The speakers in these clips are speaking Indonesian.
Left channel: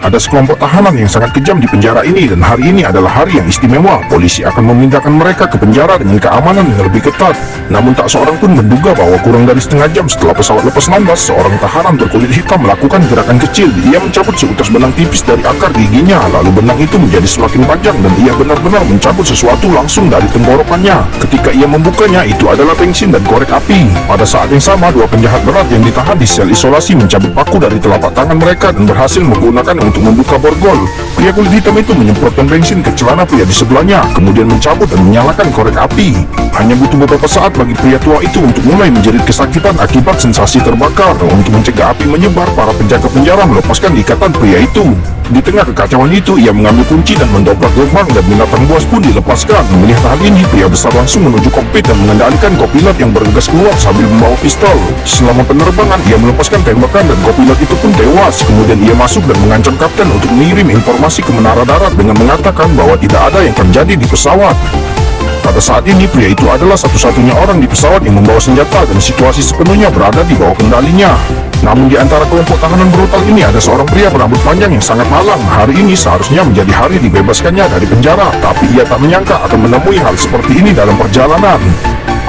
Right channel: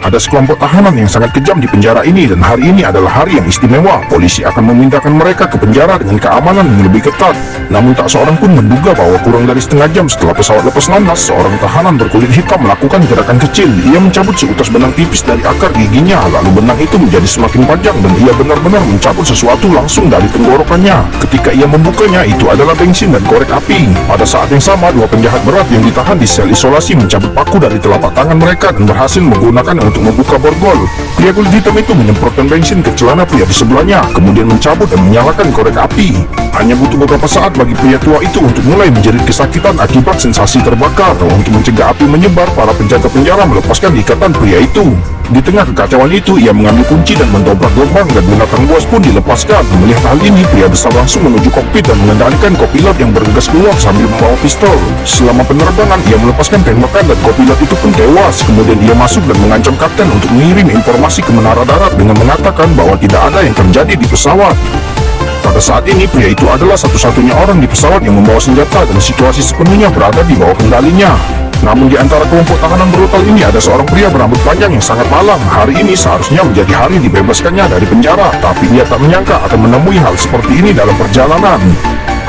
Ada sekelompok tahanan yang sangat kejam di penjara ini dan hari ini adalah hari yang istimewa. Polisi akan memindahkan mereka ke penjara dengan keamanan yang lebih ketat. Namun tak seorang pun menduga bahwa kurang dari setengah jam setelah pesawat lepas landas, seorang tahanan berkulit hitam melakukan gerakan kecil. Ia mencabut seutas benang tipis dari akar giginya, lalu benang itu menjadi semakin panjang dan ia benar-benar mencabut sesuatu langsung dari tenggorokannya. Ketika ia membukanya, itu adalah bensin dan korek api. Pada saat yang sama, dua penjahat berat yang ditahan di sel isolasi mencabut paku dari telapak tangan mereka dan berhasil menggunakannya untuk membuka borgol. Pria kulit hitam itu menyemprotkan bensin ke celana pria di sebelahnya, kemudian mencabut dan menyalakan korek api. Hanya butuh beberapa saat bagi pria tua itu untuk mulai menjerit kesakitan akibat sensasi terbakar. Untuk mencegah api menyebar, para penjaga penjara melepaskan ikatan pria itu. Di tengah kekacauan itu, ia mengambil kunci dan mendobrak gerbang dan binatang buas pun dilepaskan. Melihat hal ini, pria besar langsung menuju kokpit dan mengendalikan kopilot yang bergegas keluar sambil membawa pistol. Selama penerbangan, ia melepaskan tembakan dan kopilot itu pun tewas. Kemudian ia masuk dan mengancam kapten untuk mengirim informasi ke menara darat dengan mengatakan bahwa tidak ada yang terjadi di pesawat. Pada saat ini, pria itu adalah satu-satunya orang di pesawat yang membawa senjata dan situasi sepenuhnya berada di bawah kendalinya. Namun di antara kelompok tahanan brutal ini ada seorang pria berambut panjang yang sangat malang. Hari ini seharusnya menjadi hari dibebaskannya dari penjara, tapi ia tak menyangka akan menemui hal seperti ini dalam perjalanan.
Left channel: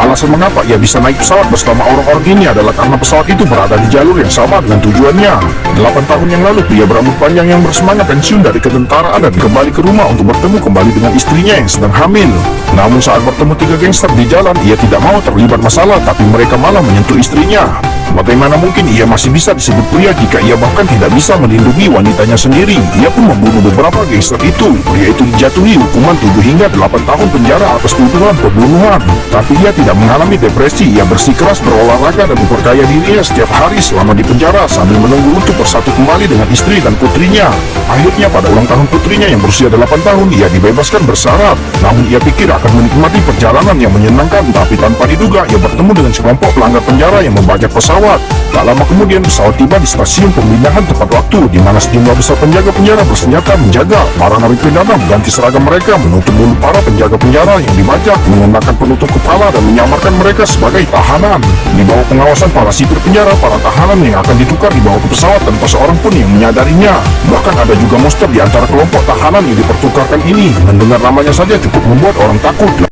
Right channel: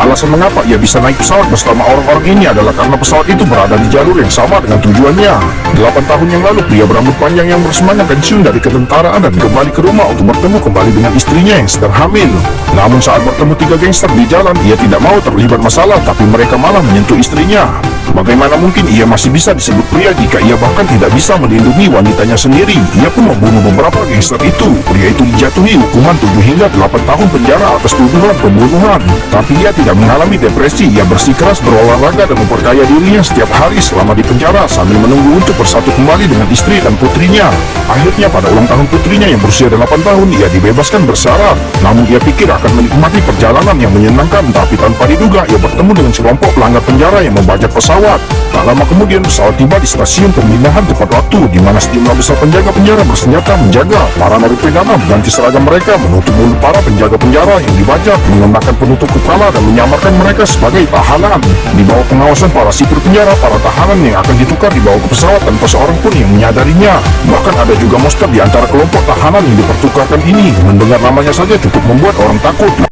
Alasan mengapa ia bisa naik pesawat bersama orang-orang ini adalah karena pesawat itu berada di jalur yang sama dengan tujuannya. 8 tahun yang lalu, pria berambut panjang yang bersemangat pensiun dari ketentaraan dan kembali ke rumah untuk bertemu kembali dengan istrinya yang sedang hamil. Namun saat bertemu 3 gangster di jalan, ia tidak mau terlibat masalah, tapi mereka malah menyentuh istrinya. Bagaimana mungkin ia masih bisa disebut pria jika ia bahkan tidak bisa melindungi wanitanya sendiri? Ia pun membunuh beberapa gangster itu. Pria itu dijatuhi hukuman 7 hingga 8 tahun penjara atas tuduhan pembunuhan. Tapi ia tidak mengalami depresi. Ia bersikeras berolahraga dan memperkaya dirinya setiap hari selama di penjara sambil menunggu untuk bersatu kembali dengan istri dan putrinya. Akhirnya pada ulang tahun putrinya yang berusia 8 tahun, ia dibebaskan bersyarat. Namun ia pikir akan menikmati perjalanan yang menyenangkan, tapi tanpa diduga ia bertemu dengan sekelompok pelanggar penjara yang membajak pesawat. Tak lama kemudian pesawat tiba di stasiun pemindahan tepat waktu, di mana sejumlah besar penjaga penjara bersenjata menjaga. Para narapidana mengganti seragam mereka, menutup mulut para penjaga penjara yang dibajak, mengenakan penutup kepala dan menyamarkan mereka sebagai tahanan. Di bawah pengawasan para sipir penjara, para tahanan yang akan ditukar dibawa ke pesawat tanpa seorang pun yang menyadarinya. Bahkan ada juga monster di antara kelompok tahanan yang dipertukarkan ini. Mendengar namanya saja cukup membuat orang takut.